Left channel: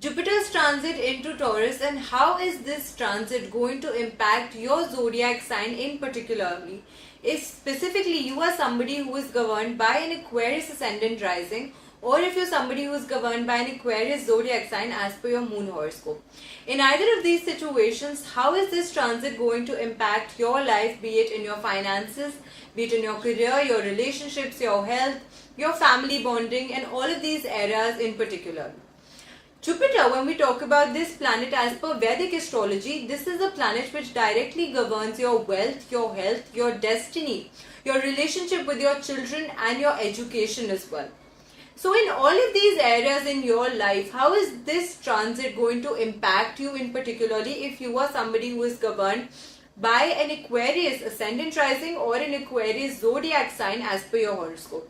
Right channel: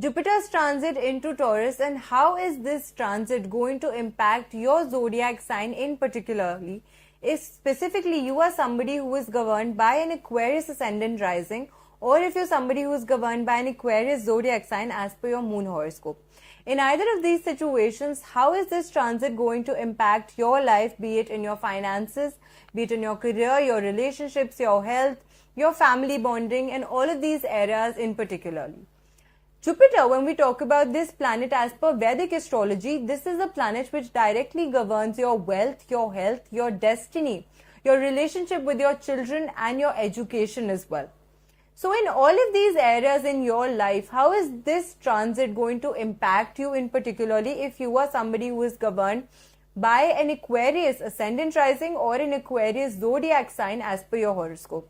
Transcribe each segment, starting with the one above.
Jupiter's transit into Taurus, and how is this transit going to impact your zodiac sign in particularly? If specifically you are somebody who is governed by an Aquarius ascendant rising, or if you're somebody who is governed by an Aquarius zodiac sign as per your moon horoscope. In either of these situations, how is this transit going to impact your life, be it in your finances, be it in your career, your relationships, your health, your family bonding, and all of these areas in particular? Jupiter, when we talk about this planet as per Vedic astrology, this is a planet which directly governs your wealth, your health, your destiny, your relationship with your children, and your education as well. So in all of these areas in your life, how is this transit going to impact you in particularly if you are somebody who is governed by an Aquarius ascendant rising or an Aquarius zodiac sign as per your horoscope?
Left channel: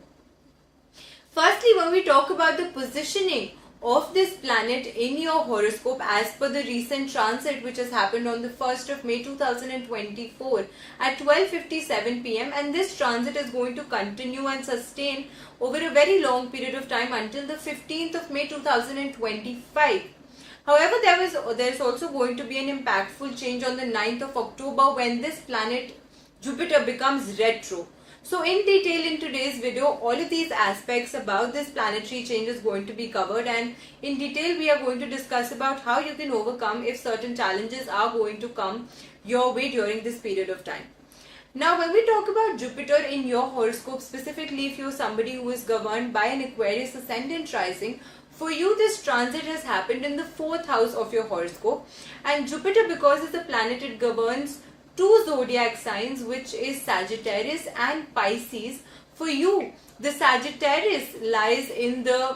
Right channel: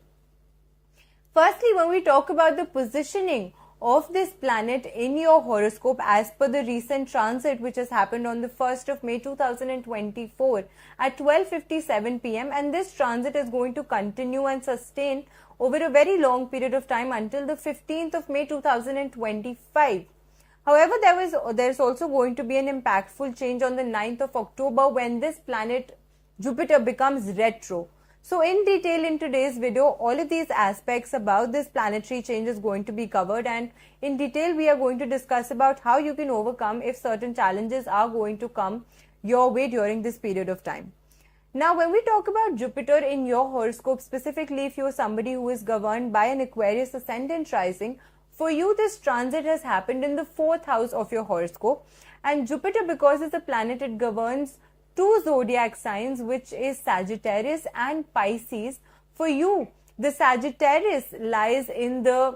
Firstly, when we talk about the positioning of this planet in your horoscope as per the recent transit which has happened on the 1st of May 2024 at 12:57 p.m. and this transit is going to continue and sustain over a very long period of time until the 15th of May 2025. However, there is also going to be an impactful change on the 9th of October when this planet Jupiter becomes retro. So in detail in today's video, all of these aspects about this planetary change is going to be covered, and in detail we are going to discuss about how you can overcome if certain challenges are going to come your way during this period of time. Now when we talk about Jupiter in your horoscope, specifically if you are somebody who is governed by an Aquarius ascendant rising, for you this transit has happened in the 4th house of your horoscope, and Jupiter, because it's a planet, it governs two zodiac signs, which is Sagittarius and Pisces. For you, the Sagittarius lies in the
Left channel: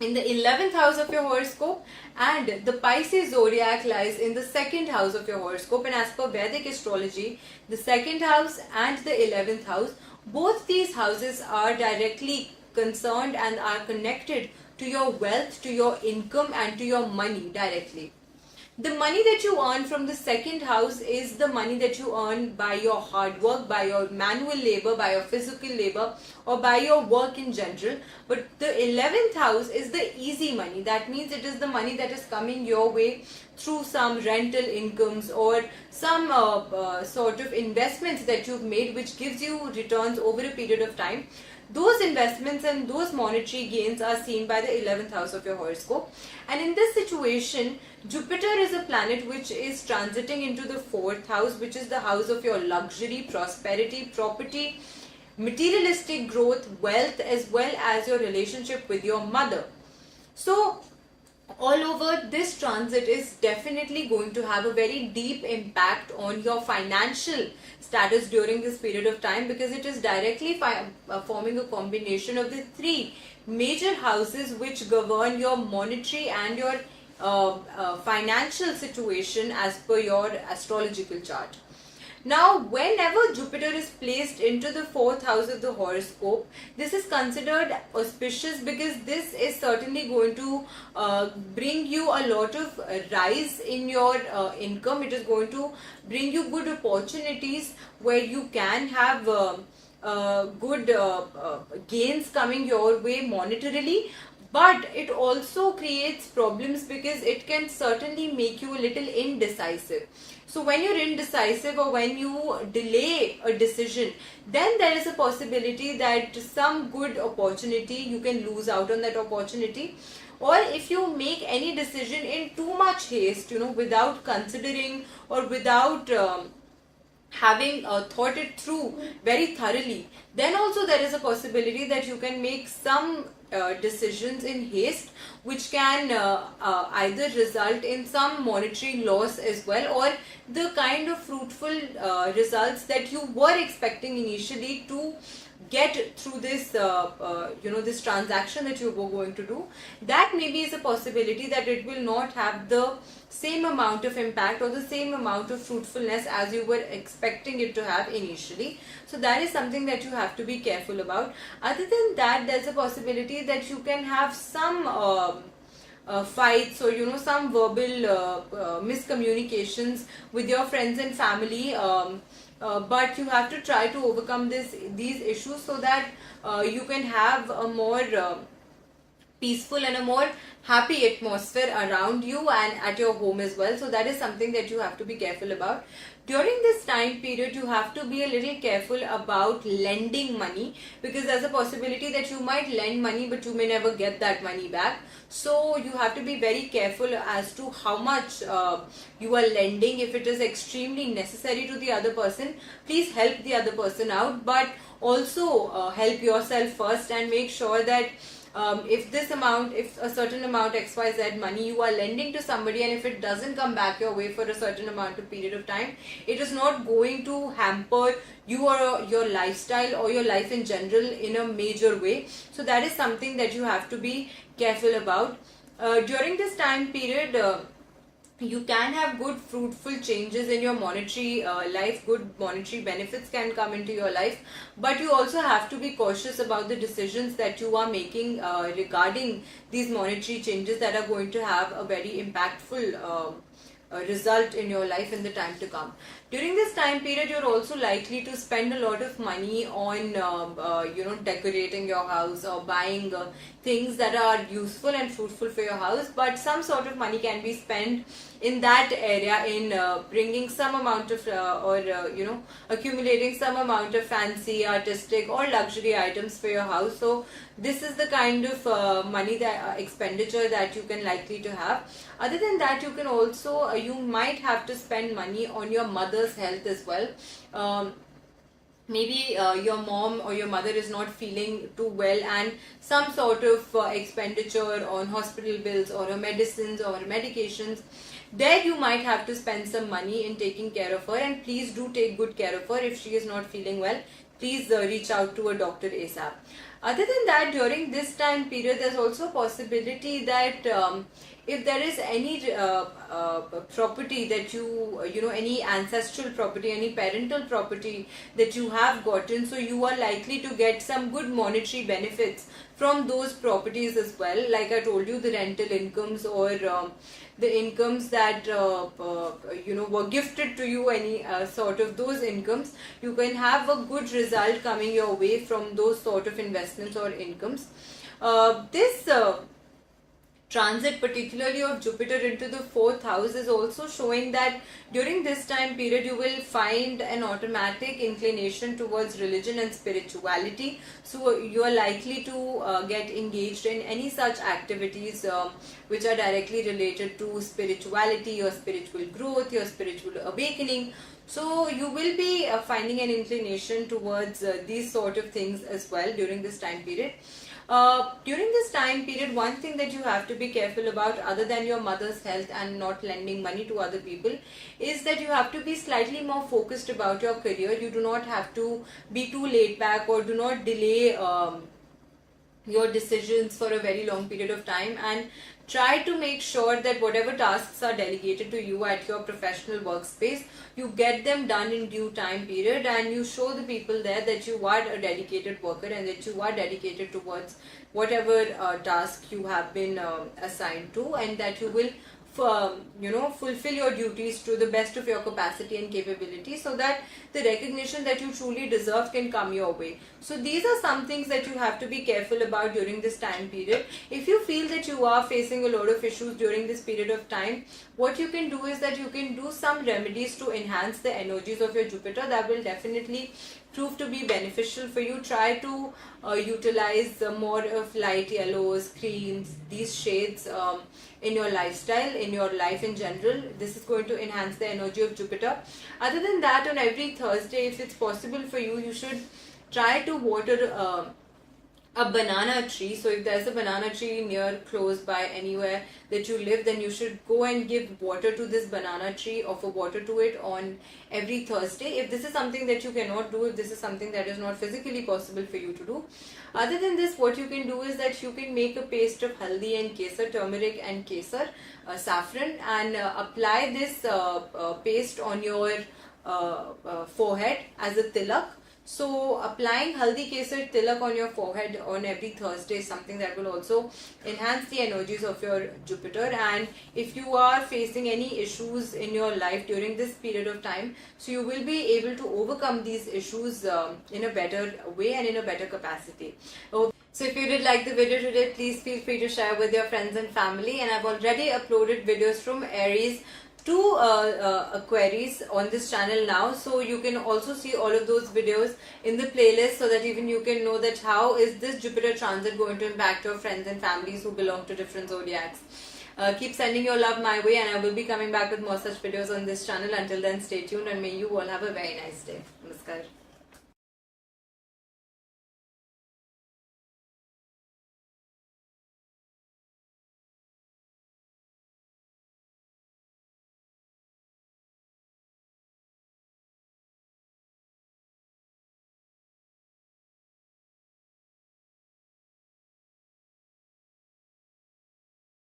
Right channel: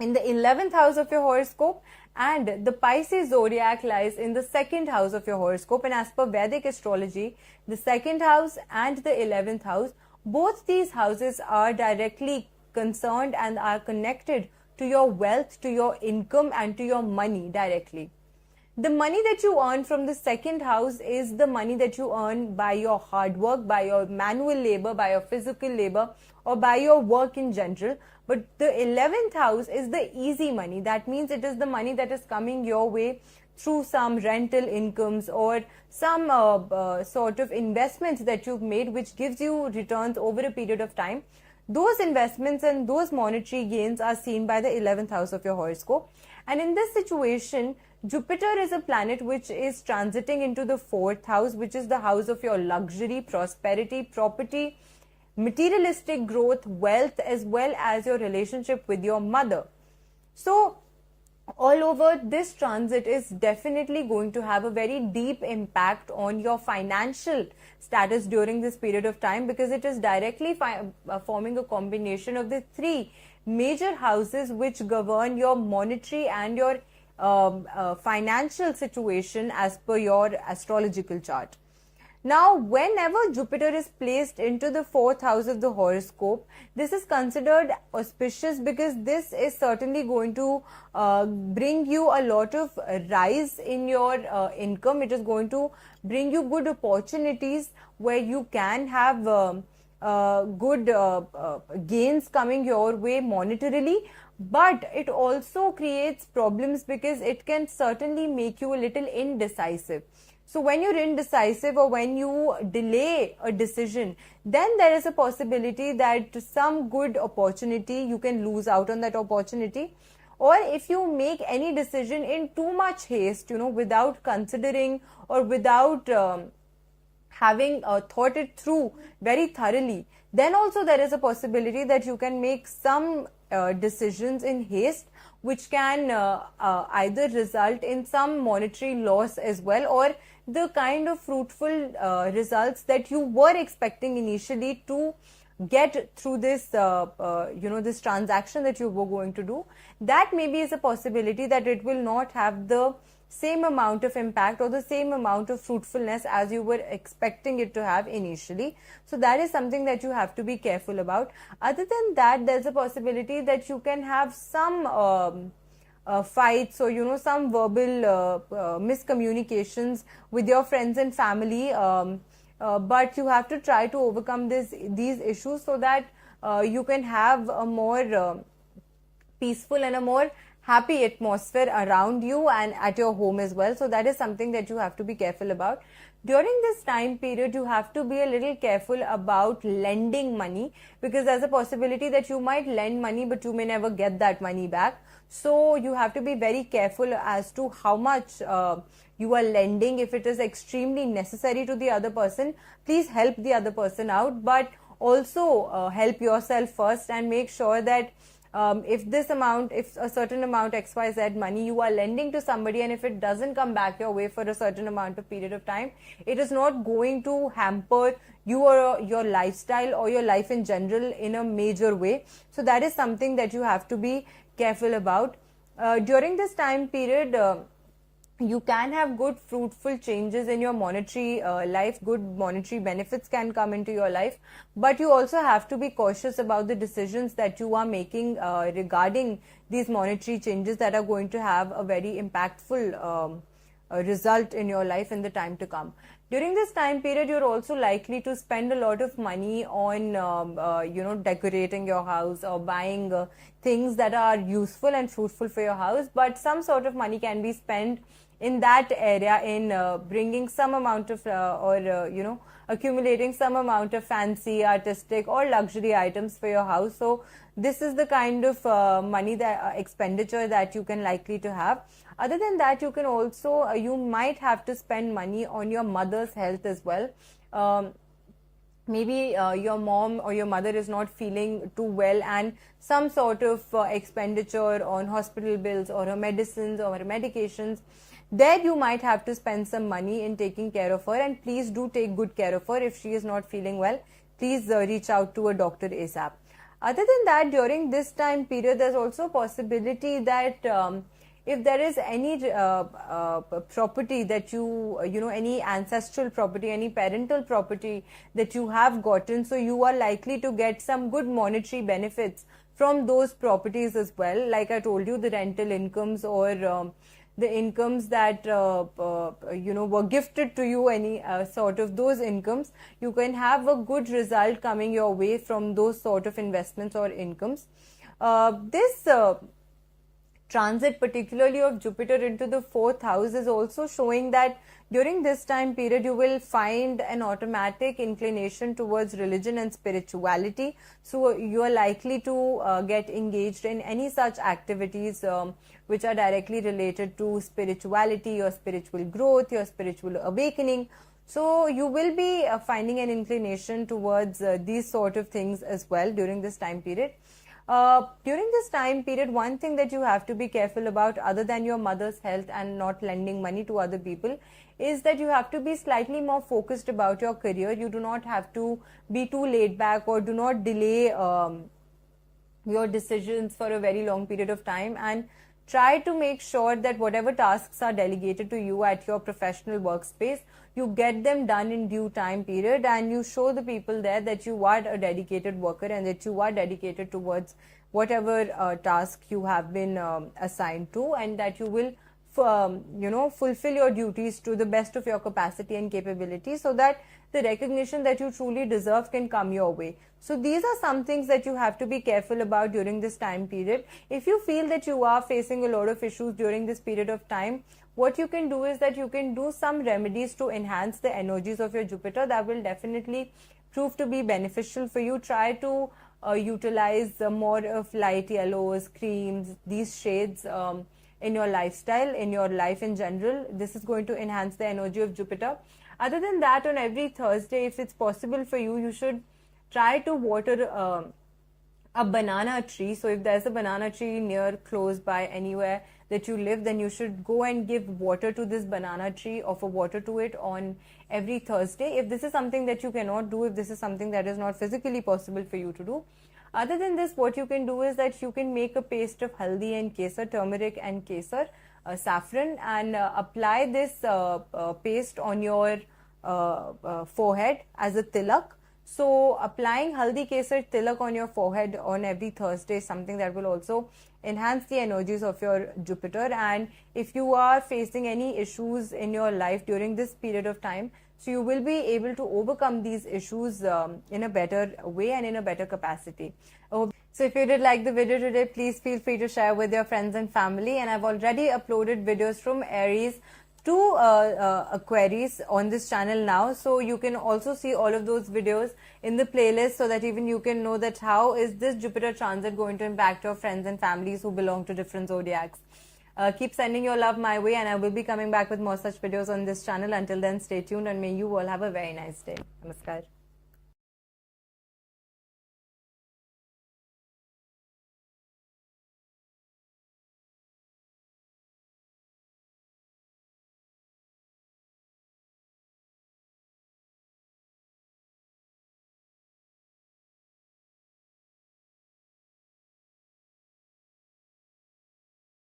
11th house of your horoscope, and the Pisces zodiac lies in the 2nd house of your horoscope. And as per Vedic astrology, the 2nd house and the 11th house, both these houses are directly concerned and are connected to your wealth, to your income, and to your money directly. The money that you earn from the 2nd house is the money that you earn by your hard work, by your manual labor, by your physical labor, or by your work in general. But the 11th house is the easy money. That means it is the money that is coming your way through some rental incomes or some sort of investments that you've made, which gives you returns over a period of time. Those investments and those monetary gains are seen by the 11th house of your horoscope. And in this situation, Jupiter is a planet which is transiting into the 4th house, which is the house of your luxury, prosperity, property, materialistic growth, wealth, as well as your relationship with your mother. So all over, this transit is definitely going to have a very deep impact on your financial status during this period of time, because it is directly forming a combination of the three major houses which govern your monetary and your financial situation as per your astrological chart. Now, whenever Jupiter is placed into the 4th house of the horoscope, this is considered auspicious because this is certainly going to bring you a lot of rise in your income. It is going to bring you good opportunities where you can have good gains coming your way monetarily, but it also creates problems because it can certainly make you a little indecisive. So when you're indecisive or when you delay a decision, then there is a possibility that some good opportunity, you can lose out on that opportunity. Or if you make any decision in too much haste, without considering or without having thought it through very thoroughly, then also there is a possibility that you can make some decisions in haste which can either result in some monetary loss as well, or the kind of fruitful results that you were expecting initially to get through this this transaction that you were going to do, that maybe is a possibility that it will not have the same amount of impact or the same amount of fruitfulness as you were expecting it to have initially. So that is something that you have to be careful about. Other than that, there's a possibility that you can have some fights or some verbal miscommunications with your friends and family, but you have to try to overcome these issues so that you can have a more peaceful and a more happy atmosphere around you and at your home as well. So that is something that you have to be careful about. During this time period, you have to be a little careful about lending money, because there's a possibility that you might lend money but you may never get that money back. So you have to be very careful as to how much you are lending. If it is extremely necessary to the other person, please help the other person out, but also help yourself first, and make sure that if a certain amount XYZ money you are lending to somebody, and if it doesn't come back your way for a certain amount of period of time, it is not going to hamper you or your lifestyle or your life in general in a major way. So that is something that you have to be careful about. During this time period, you can have good fruitful changes in your monetary life. Good monetary benefits can come into your life, but you also have to be cautious about the decisions that you are making regarding these monetary changes that are going to have a very impactful result in your life in the time to come. During this time period, you're also likely to spend a lot of money on decorating your house or buying things that are useful and fruitful for your house, but some sort of money can be spent in that area in bringing some amount of accumulating some amount of fancy, artistic or luxury items for your house. So this is the kind of money that expenditure that you can likely to have. Other than that, you can also you might have to spend money on your mother's health as well. Maybe your mom or your mother is not feeling too well, and some sort of expenditure on hospital bills or medicines or medications, there you might have to spend some money in taking care of her. And please do take good care of her. If she is not feeling well, please reach out to a doctor ASAP. Other than that, during this time period, there's also a possibility that if there is any property that any ancestral property, any parental property that you have gotten, so you are likely to get some good monetary benefits from those properties as well. Like I told you, the rental incomes or the incomes that were gifted to you, any sort of those incomes, you can have a good result coming your way from those sort of investments or incomes. This transit, particularly of Jupiter into the 4th house, is also showing that during this time period you will find an automatic inclination towards religion and spirituality. So you are likely to get engaged in any such activities which are directly related to spirituality, your spiritual growth, your spiritual awakening. So you will be finding an inclination towards these sort of things as well during this time period. During this time period, one thing that you have to be careful about, other than your mother's health and not lending money to other people, is that you have to be slightly more focused about your career. You do not have to be too laid back, or do not delay your decisions for a very long period of time, and try to make sure that whatever tasks are delegated to you at your professional workspace, you get them done in due time period, and you show the people there that you are a dedicated worker and that you are dedicated towards whatever task you have been assigned to, and that you will fulfill your duties to the best of your capacity and capability, so that the recognition that you truly deserve can come your way. So these are some things that you have to be careful about during this time period. If you feel that you are facing a lot of issues during this period of time, what you can do is that you can do some remedies to enhance the energies of your Jupiter. That will definitely prove to be beneficial for you. Try to utilize more of light yellows, creams, these shades in your lifestyle, in your life in general. This is going to enhance the energy of Jupiter. Other than that, on every Thursday, if it's possible for you, you should try to water a banana tree. So if there's a banana tree near, close by, anywhere that you live, then you should go and give water to this banana tree, offer water to it on every Thursday. If this is something that you cannot do, if this is something that is not physically possible for you to do, other than this, what you can do is that you can make a paste of haldi and kesar, turmeric and kesar, saffron, and apply this paste on your forehead as a tilak. So applying haldi kesar tilak on your forehead on every Thursday is something that will also enhance the energies of your Jupiter. And if you are facing any issues in your life during this period of time, so you will be able to overcome these issues in a better way and in a better capacity. So if you did like the video today, please feel free to share with your friends and family. And I've already uploaded videos from Aries to Aquarius on this channel now. So you can also see all of those videos in the playlist, so that even you can know that how is this Jupiter transit going to impact your friends and families who belong to different zodiacs. Keep sending your love my way, and I will be coming back with more such videos on this channel. Until then, stay tuned, and may you all have a very nice day. Namaskar.